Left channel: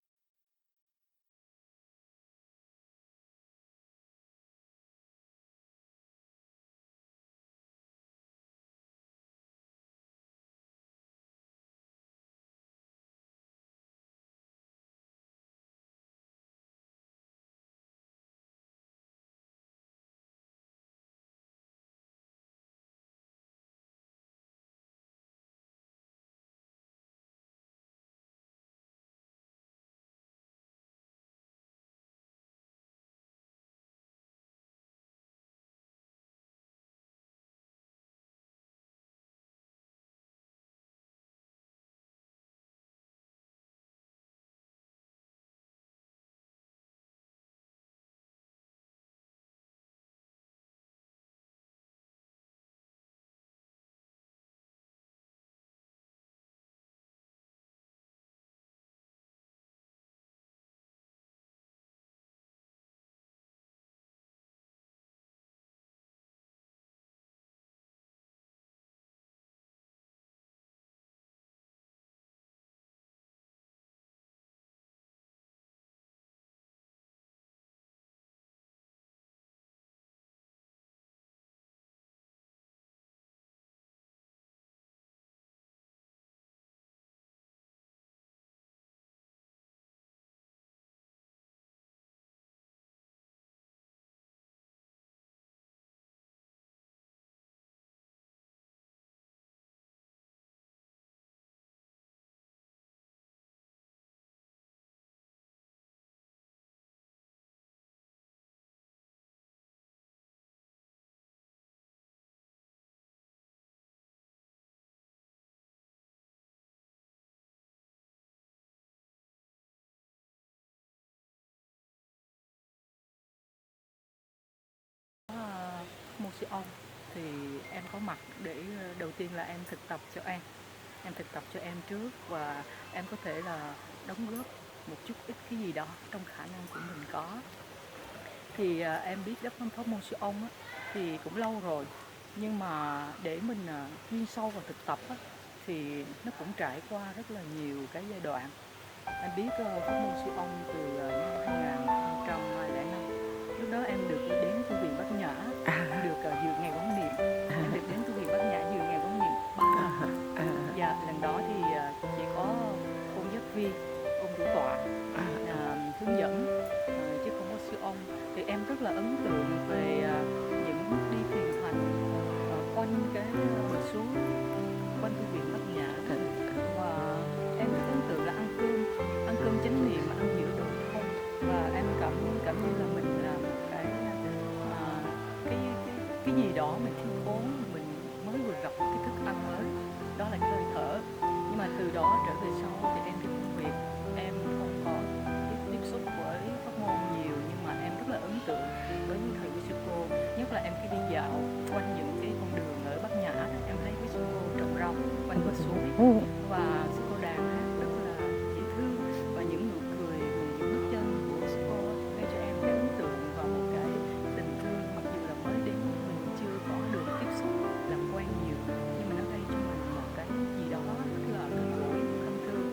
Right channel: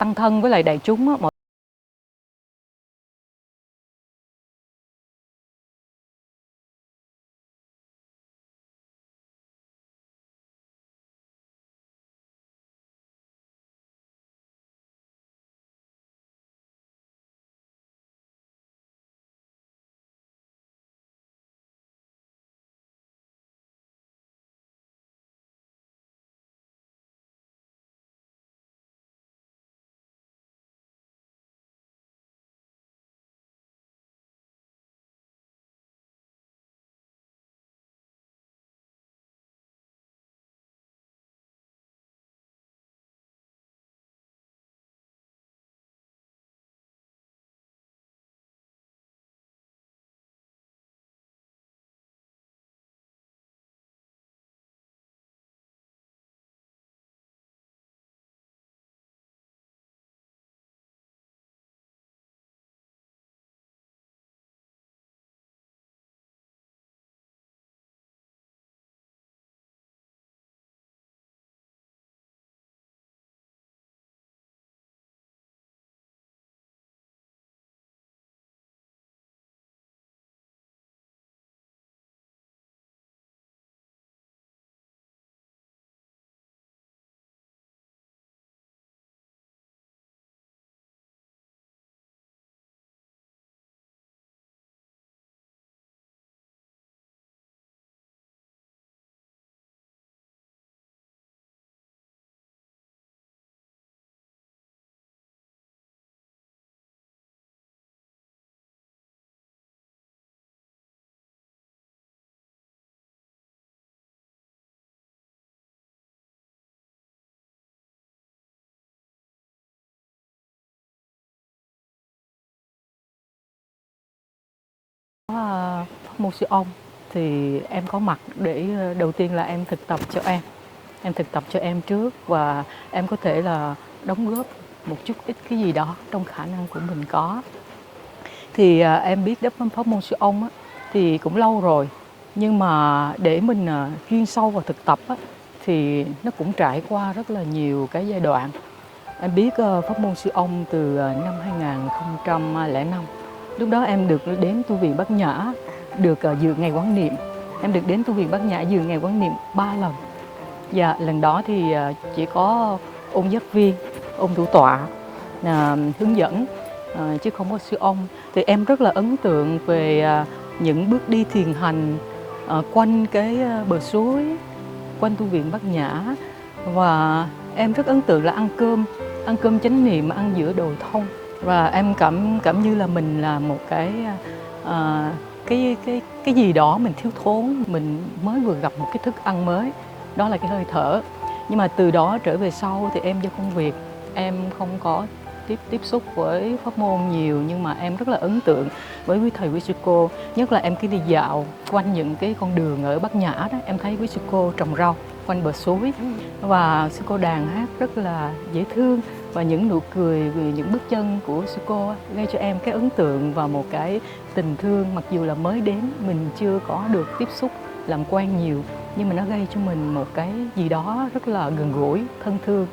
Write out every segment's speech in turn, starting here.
tăng thân với lại đại chúng á, mọi pháp môn siêu ông thì em có mặt để đầu tiên là em thực tập cho em thực tập cho em trước và em có thể là đóng góp một chút ít cái gì đó trong khả năng của mình có. Thì em biết đắp pháp môn siêu ông á, thì cũng lâu rồi, nhưng mà để mình chuyên sâu vào thực tập á, thì nó cũng trải qua rất là nhiều cái giai đoạn. Em biết pháp môn siêu ông từ năm 2005. Lúc đó em được đến tu viện Bát Nhã, được dự ngày quán niệm. Em được đến tu viện Bát Nhã dự ngày quán niệm 3 lần. Dạ, lần đó thì chỉ có ông giác viên, ông thủ tọa hướng dẫn, chứ không có sư ông. Thì em rất là ấn tượng về những bước đi thiền hành quanh cái bờ suối, quanh tu viện Bát Nhã. Và em rất ấn tượng là ăn cơm chánh niệm mà ăn giữa đồi thông. Và em cảm như là mình là một cái gì đó mình thiếu thốn, mình mới vừa gặp một cái thức ăn mới, đó là cái hơi thở. Nhưng mà từ đó trở về sau thì em do công việc em không có tiếp xúc với pháp môn nhiều, nhưng mà em rất là ấn tượng với quý thầy quý sư cô. Nhất là em cứ đi dạo quanh những cái con đường ở Bát Nhã đó, em thấy quý sư cô trồng rau quanh bờ suối và sư cô đàn hát rất là dễ thương, và những nụ cười, những bước chân của sư cô gây cho em cái ấn tượng và một cái tình thương. Mặc dù là mới đến, mình chưa có được tiếp xúc làm quen nhiều, nhưng mà nó gây cho mình một cái gì đó rất là gần gũi, thân thương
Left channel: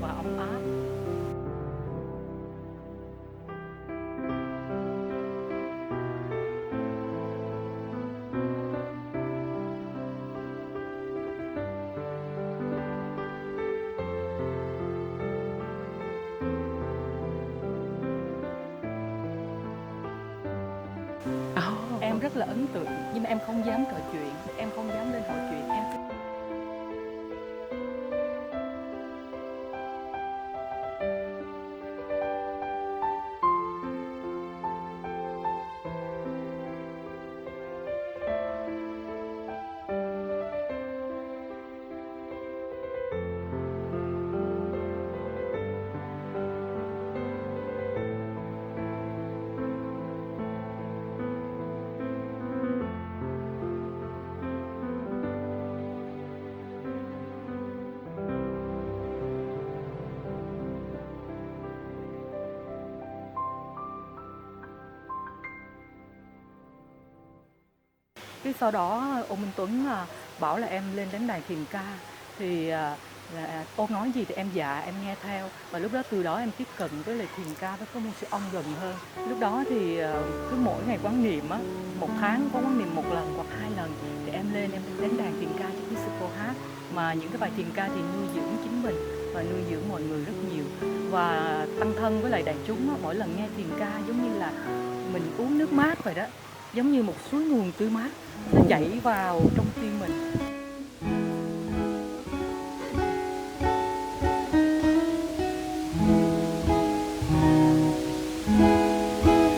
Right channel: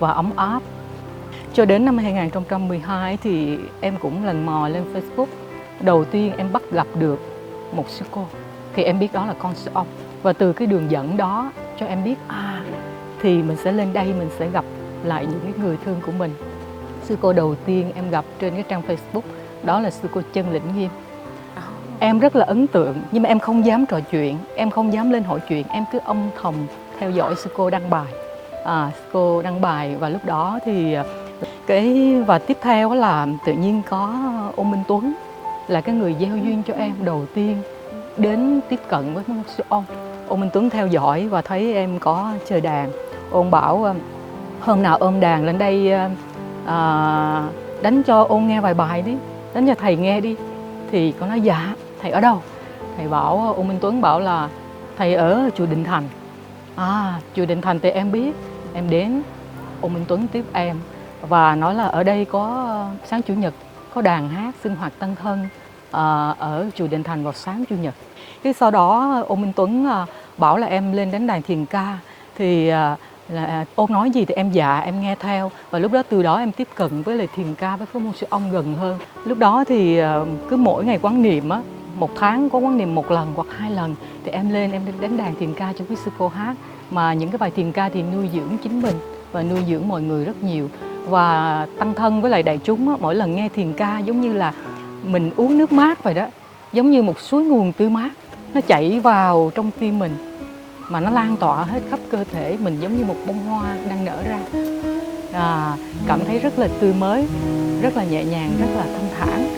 và ấm áp. Cho đến năm 2012 thì em cũng lần mò lên Facebook. Đầu tiên em bắt gặp được một sư cô, thì em biết đó là con sư ông. Và từ cái đường dẫn đó cho em biết thì mình sẽ lên đây, mình sẽ gặp lại những cái người thương của mình. Sư cô đầu tiên em gặp trên cái trang Facebook đó là sư cô Chân Lĩnh Nghiêm. Em rất là ấn tượng, nhưng mà em không dám trò chuyện, em không dám lên hỏi chuyện, em cứ âm thầm theo dõi sư cô đăng bài. Sư cô đăng bài và lúc đó thì và tiếp theo là tự nhiên có ông Minh Tuấn là cái người gieo duyên cho em đầu tiên đến tiếp cận với một sư ông. Ông Minh Tuấn theo dõi và thấy em có chơi đàn, ông bảo hôm nào ôm đàn lên đây đánh cho ông nghe vài bài đi, đánh cho thầy nghe đi. Thì con nói dạ, thầy ở đâu? Thầy bảo, ông Minh Tuấn bảo là thầy ở chùa Định Thành. Chùa Định Thành thì em biết, em đến, ông Minh Tuấn tiếp em và nói là ở đây có sáng chủ nhật có đàn hát sinh hoạt tăng thân ở chùa Định Thành vào sáng chủ nhật. Cái sau đó ông Minh Tuấn bảo là em lên đánh đàn thiền ca. Thì là ôn nói gì thì em dạ em nghe theo, và lúc đó từ đó em tiếp cận với lại thiền ca với pháp môn sư ông gần hơn. Lúc đó thì cứ mỗi ngày quán niệm á, một tháng có quán niệm một lần hoặc 2 lần thì em lên em đánh đàn thiền ca cho quý sư cô hát, mà những cái bài thiền ca thì nuôi dưỡng chính mình và nuôi dưỡng mọi người rất nhiều, và tăng thân với lại đại chúng á. Mỗi lần nghe thiền ca giống như là mình uống nước mát vậy đó, giống như một suối nguồn tươi mát nó chảy vào trong tim mình mà nó lan tỏa hết khắp cơ thể mình, giống như một bông hoa đang nở ra. Cảm thấy rất là tươi mới, rất là nhẹ nhàng, rất là thanh thản.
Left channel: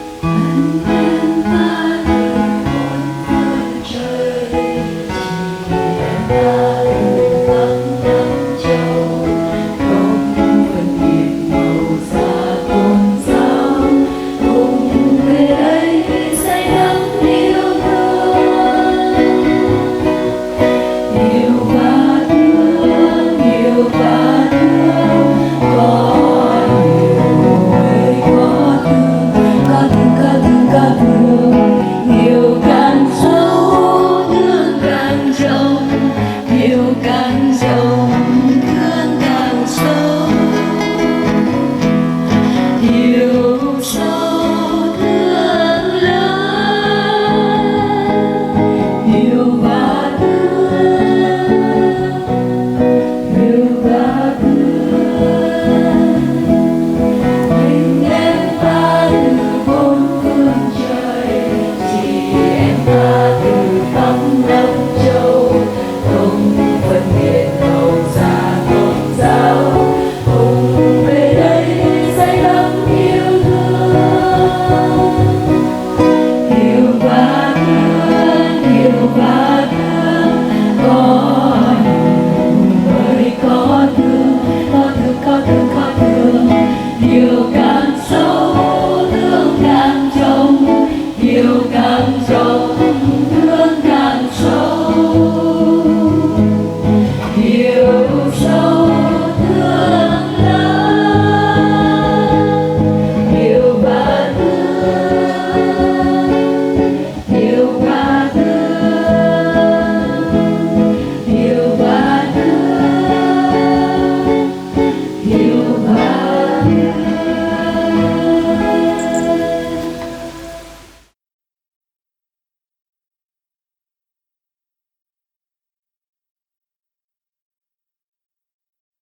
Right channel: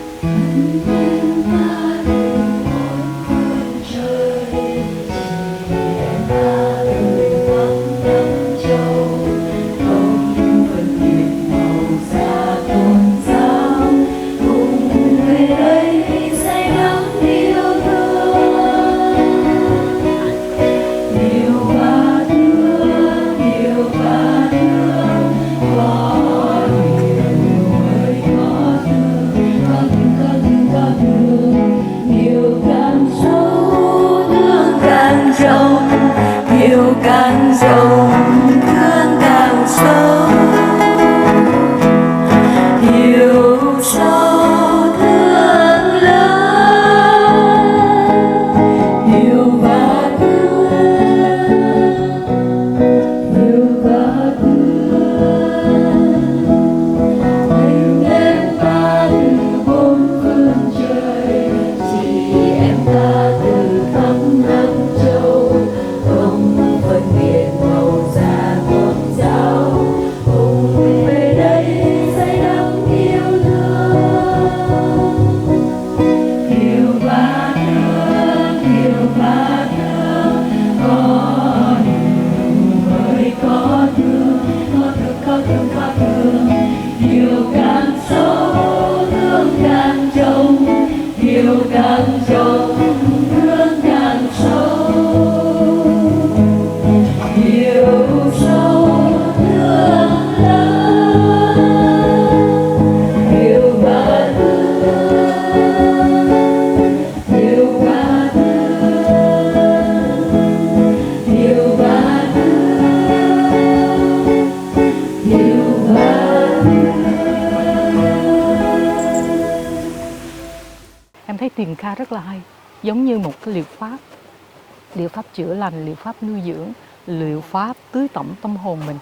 Em thấy thiền ca rất là hay, giống như một cái liệu pháp chữa lành, liệu pháp nuôi dưỡng, liệu pháp tưới tẩm tâm hồn mình,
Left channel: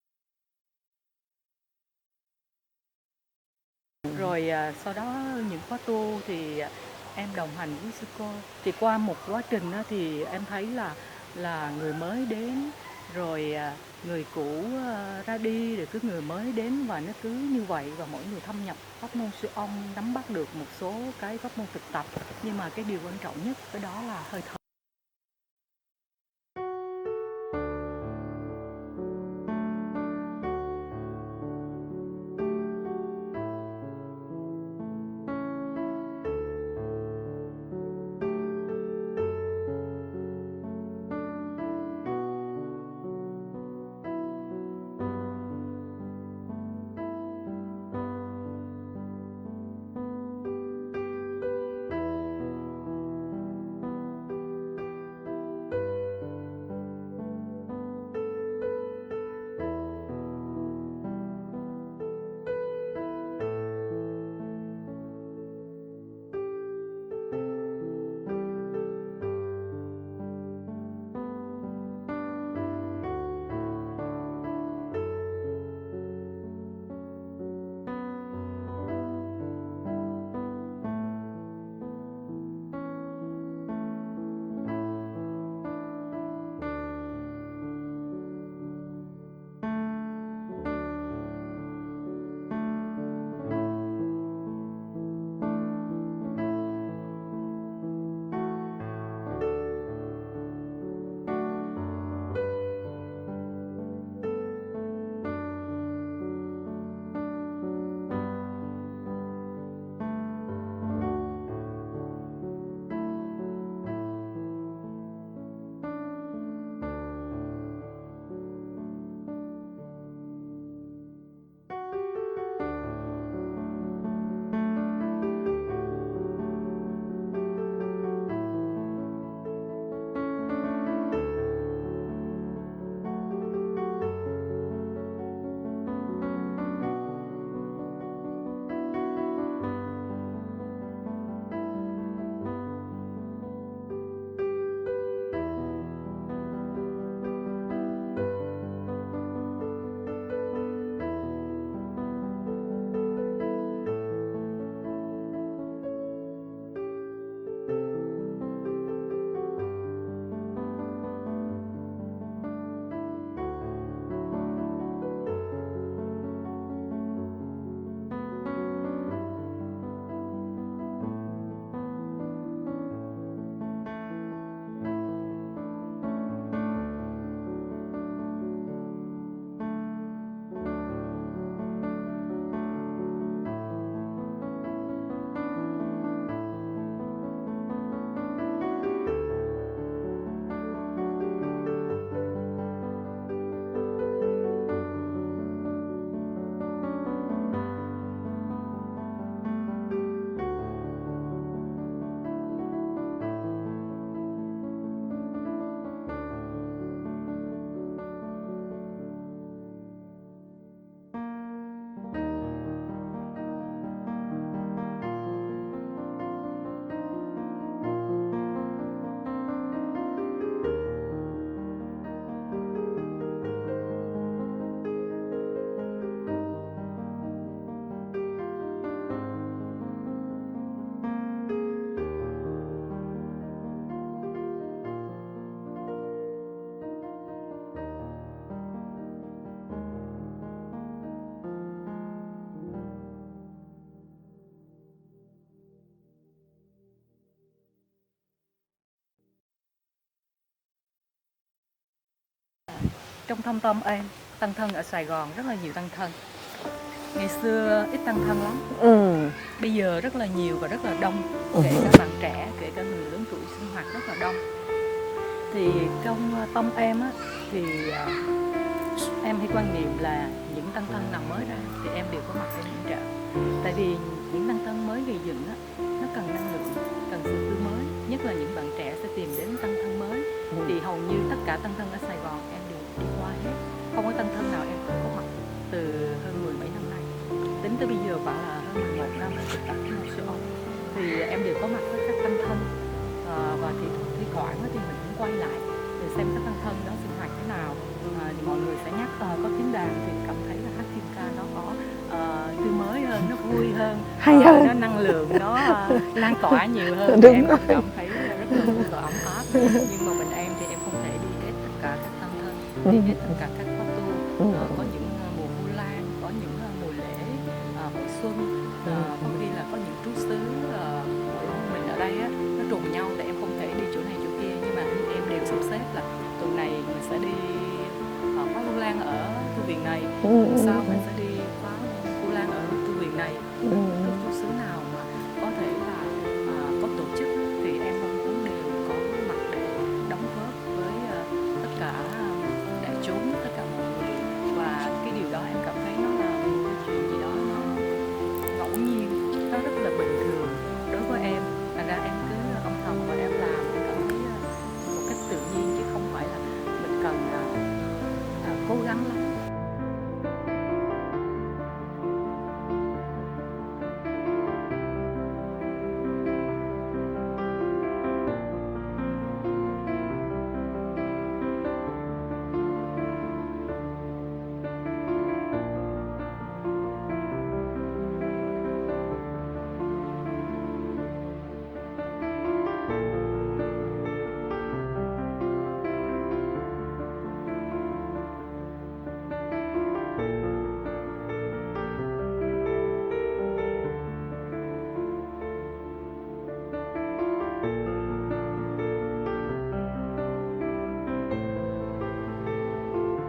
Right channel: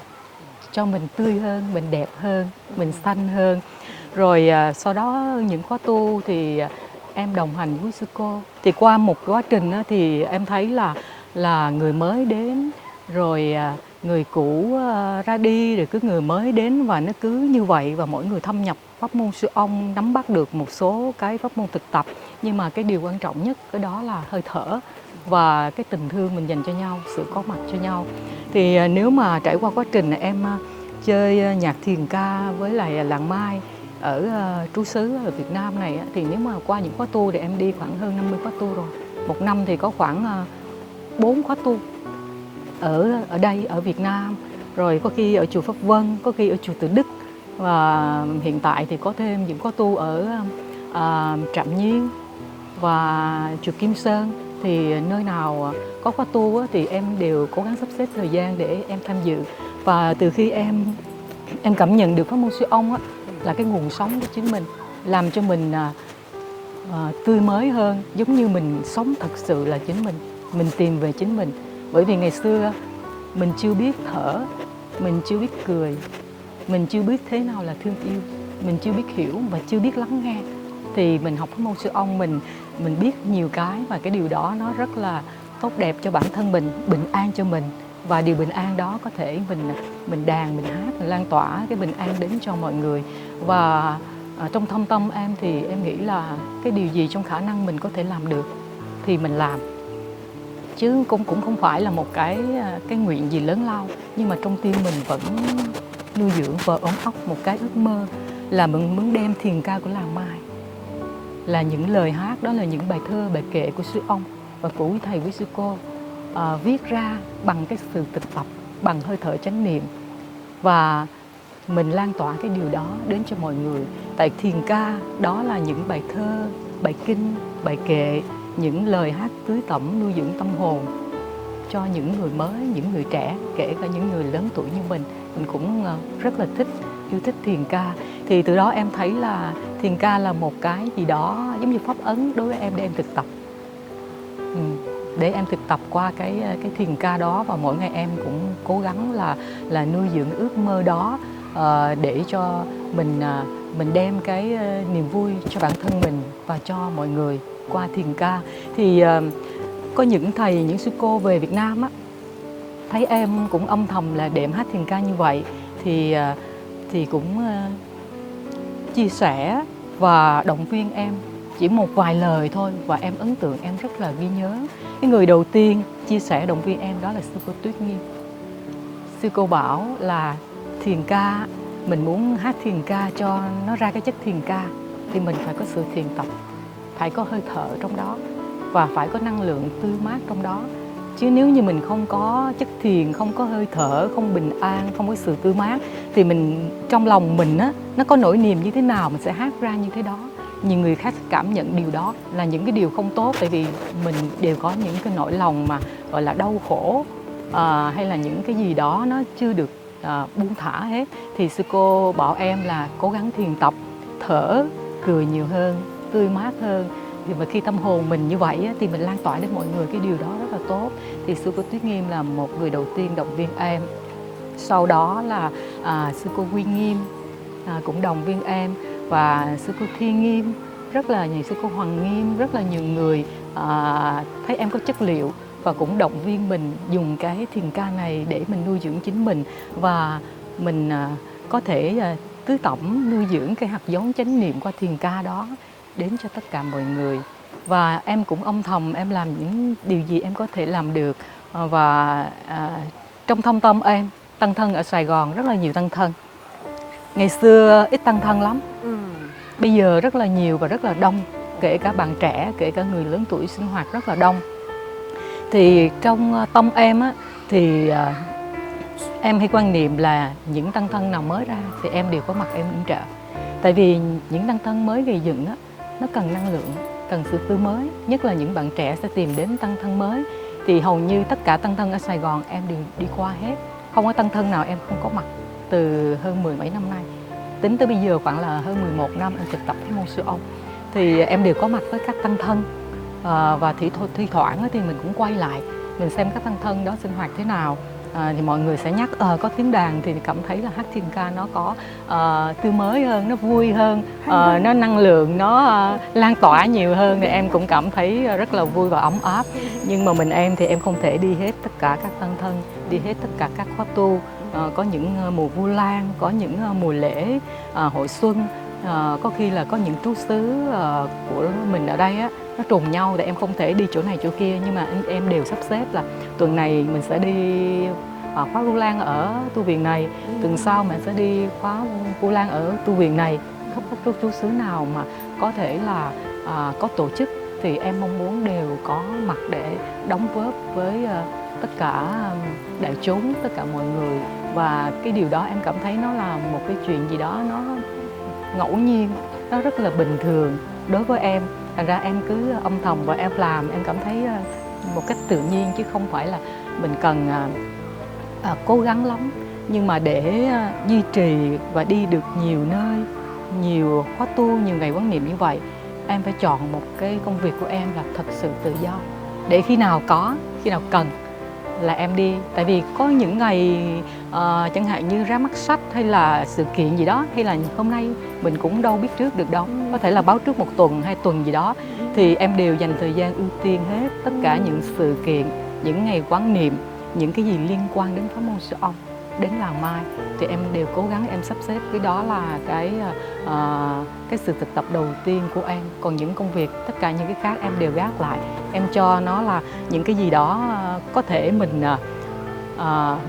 cho mình tươi hơn, mình đẹp hơn, mình xanh hơn. Rồi sau đó những khóa tu thì em đồng hành với sư cô. Thì qua một quá trình thì em thấy là người mới đến, rồi người cũ ra đi, rồi cứ người mới đến, và nó cứ như vậy, và mỗi người thâm nhập pháp môn sư ông, nắm bắt được một số cái pháp môn thực tập. Nhưng mà cái điều quan trọng nhất ở đó là hơi thở và cái tình thương mình dành cho nhau, sự có mặt cho nhau. Thì nếu mà trải qua quá trình em chơi nhạc thiền ca với lại làng Mai ở trú xứ ở Việt Nam này, thì nếu mà qua những khóa tu thì em đi khoảng hơn 50 khóa tu rồi. Một năm thì có khoảng 4 khóa tu ở đây, ở Việt Nam, rồi có khi ở chùa Pháp Vân, có khi ở chùa Từ Đức, và hiện tại thì có thêm những khóa tu ở Trạm Nhiên và chùa Kim Sơn. Thì nơi nào có khóa tu thì em đều cố gắng sắp xếp thời gian để em tham dự. Và từ khi em cảm nhận được pháp môn sư ông là cái nguồn sống của chính mình, làm cho mình tươi mới hơn, giống như mình sống thật sự là chính mình tìm về chính mình. Bởi vì ngày xưa mình chưa biết thở, mình chưa biết cười, mình chưa biết thế nào là thương yêu, mình chưa biết hiểu và chưa biết lắng nghe. Thì mình học pháp môn sư ông, mình biết nhiều cái, và cái điều đó nó rất là tốt đẹp cho bản thân mình, bình an cho mình. Và điều bình an đó có thể mình đàn, mình hát, mình lan tỏa cái bình an đến cho mọi người. Và trong thâm tâm em thì em nghĩ là cái điều gì trong khả năng mình có thể làm được thì mình làm, chứ cũng không phải là một cái nguyện gì lớn lao. Nhưng mà trong tim mình vẫn nuôi dưỡng và ôm ấp một cái ước mơ là mình muốn đem thiền ca của làng Mai, là những lời hát, đó là những bài thơ, bài kệ của sư ông và của quý thầy, quý sư cô, viết ra bằng cái sự thực tập, bằng hơi thở chánh niệm, và mình lan tỏa cái điều đó đến cho mọi người. Tại thiền ca đó là những bài thơ, bài kinh, bài kệ, những lời hát tưới tẩm nuôi dưỡng tâm hồn cho những người mới, những người trẻ, kể cả những người lớn tuổi như mình cũng rất là yêu thích thiền ca. Thì từ đó em thấy là thiền ca là một cái gì đó giống như pháp ấn đối với em để em thực tập. Để em thực tập qua cái thiền ca đó, và mỗi ngày em cũng cố gắng là nuôi dưỡng ước mơ đó, để cho mình đem cái niềm vui cho bản thân mình và cho mọi người qua thiền ca. Thì có những thầy, những sư cô về Việt Nam á, thấy em cũng âm thầm là đệm hát thiền ca như vậy, thì cũng chia sẻ và động viên em chỉ một vài lời thôi, và em ấn tượng, em rất là ghi nhớ. Cái người đầu tiên chia sẻ động viên em đó là sư cô Tuyết Nghiêm. Sư cô bảo là thiền ca, mình muốn hát thiền ca cho nó ra cái chất thiền ca thì mình phải có sự thiền tập, phải có hơi thở trong đó và phải có năng lượng tươi mát trong đó. Chứ nếu như mình không có chất thiền, không có hơi thở, không bình an, không có sự tươi mát, thì mình trong lòng mình á, nó có nỗi niềm như thế nào mình sẽ hát ra như thế đó. Nhiều người khác cảm nhận điều đó là những cái điều không tốt, tại vì mình đều có những cái nỗi lòng mà gọi là đau khổ, hay là những cái gì đó nó chưa được buông thả hết. Thì sư cô bảo em là cố gắng thiền tập, thở, cười nhiều hơn, tươi mát hơn. Thì mà khi tâm hồn mình như vậy á, thì mình lan tỏa đến mọi người cái điều đó rất là tốt. Thì sư cô Tuyết Nghiêm là một người đầu tiên động viên em. Sau đó là sư cô Quy Nghiêm cũng động viên em, và sư cô Thi Nghiêm, rất là nhiều, sư cô Hoàng Nghiêm, rất là nhiều người thấy em có chất liệu và cũng động viên mình dùng cái thiền ca này để mình nuôi dưỡng chính mình, và mình có thể tưới tẩm, nuôi dưỡng cái hạt giống chánh niệm qua thiền ca đó đến cho tất cả mọi người. Và em cũng âm thầm em làm những điều gì em có thể làm được, và trong thâm tâm em, tăng thân ở Sài Gòn rất là nhiều tăng thân. Ngày xưa ít tăng thân lắm, bây giờ rất là nhiều và rất là đông, kể cả bạn trẻ, kể cả người lớn tuổi sinh hoạt rất là đông. Thì trong tâm em á, thì em hay quan niệm là những tăng thân nào mới ra thì em đều có mặt em yểm trợ. Tại vì những tăng thân mới gây dựng á, nó cần năng lượng, cần sự tươi mới, nhất là những bạn trẻ sẽ tìm đến tăng thân mới. Thì hầu như tất cả tăng thân ở Sài Gòn em đều đi qua hết, không có tăng thân nào em không có mặt từ hơn 17 năm nay. Tính tới bây giờ khoảng là hơn 11 năm em thực tập cái môn siêu âm, thì em đều có mặt với các tăng thân, và thi thoảng thì mình cũng quay lại mình xem các tăng thân đó sinh hoạt thế nào. Thì mọi người sẽ nhắc có tiếng đàn thì cảm thấy là hát thiền ca nó có tươi mới hơn, nó vui hơn, nó năng lượng, nó lan tỏa nhiều hơn. Thì em cũng cảm thấy rất là vui và ấm áp. Nhưng mà em thì em không thể đi hết tất cả các tăng thân, đi hết tất cả các khóa tu. Có những mùa Vu Lan, có những mùa lễ hội xuân, có khi là có những trú xứ của mình ở đây á, nó trùng nhau thì em không thể đi chỗ này chỗ kia, nhưng mà em đều sắp xếp là tuần này mình sẽ đi khóa Vu Lan ở tu viện này, tuần sau mình sẽ đi khóa Vu Lan ở tu viện này. Không có trú xứ nào mà có thể là có tổ chức thì em mong muốn đều có mặt để đóng góp với tất cả đại chúng, tất cả mọi người. Và cái điều đó em cảm thấy nó là một cái chuyện gì đó nó ngẫu nhiên, nó rất là bình thường đối với em. Thành ra em cứ âm thầm và em làm, em cảm thấy một cách tự nhiên, chứ không phải là mình cần cố gắng lắm. Nhưng mà để duy trì và đi được nhiều nơi, nhiều khóa tu, nhiều ngày quán niệm như vậy, em phải chọn một cái công việc của em là thật sự tự do, để khi nào có, khi nào cần là em đi. Tại vì có những ngày chẳng hạn như ra mắt sách hay là sự kiện gì đó, hay là hôm nay mình cũng đâu biết trước được đâu, có thể là báo trước 1 tuần 2 tuần gì đó, thì em đều dành thời gian ưu tiên hết tất cả những sự kiện, những ngày quán niệm, những cái gì liên quan đến pháp môn siêu âm, đến làng Mai, thì em đều cố gắng em sắp xếp. Cái đó là cái sự thực tập đầu tiên của em. Còn những công việc, tất cả những cái khác em đều gác lại, em cho nó là những cái gì đó có thể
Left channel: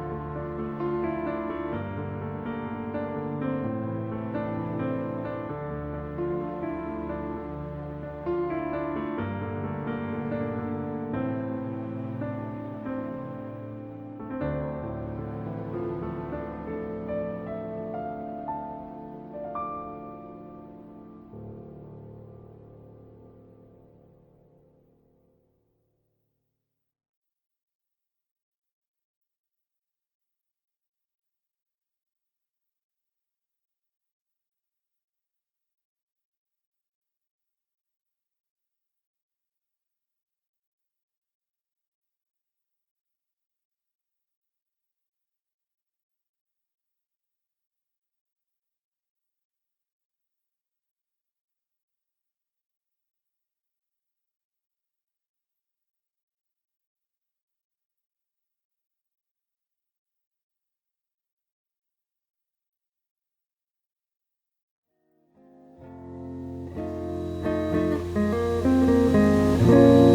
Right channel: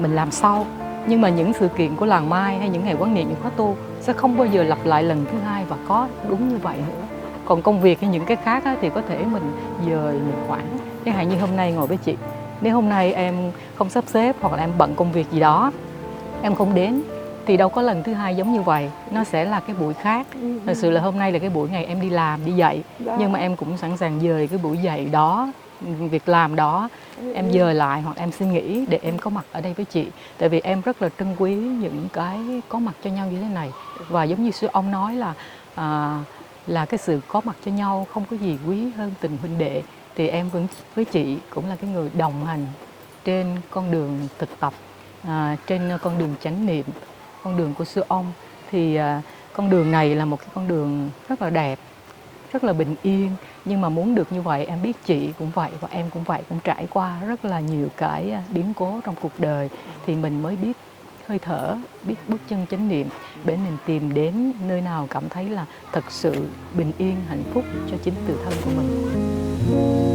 mình làm sau. Nhưng mà những sự kiện của làng Mai hay những ngày quán niệm, những khóa tu sẽ không bao giờ lặp lại lần thứ hai và có đúng như vậy nữa. Còn công việc hay những cái khác thì có thể mình dời, mình hoãn. Chẳng hạn như hôm nay ngồi với chị, nếu hôm nay em không sắp xếp hoặc là em bận công việc gì đó, em không đến, thì đâu có lần thứ hai giống như vậy. Nó sẽ là cái buổi khác. Thật sự là hôm nay là cái buổi ngày em đi làm, đi dạy, nhưng mà em cũng sẵn sàng dời cái buổi dạy đó việc làm đó, em dời lại hoặc em xin nghỉ để em có mặt ở đây với chị. Tại vì em rất là trân quý những cái có mặt cho nhau như thế này. Và giống như sư ông nói à, là cái sự có mặt cho nhau không có gì quý hơn tình huynh đệ. Thì em vẫn với chị cũng là cái người đồng hành trên con đường thực tập, trên con đường chánh niệm, con đường của sư ông. Thì con đường này là một cái con đường rất là đẹp, rất là bình yên. Nhưng mà muốn được như vậy, em biết chị cũng vậy và em cũng vậy, cũng trải qua rất là nhiều cái biến cố trong cuộc đời thì mình mới biết hơi thở, biết bước chân chánh niệm để mình tìm đến nơi nào cảm thấy là thật sự bình yên, hạnh phúc cho chính tự thân của mình.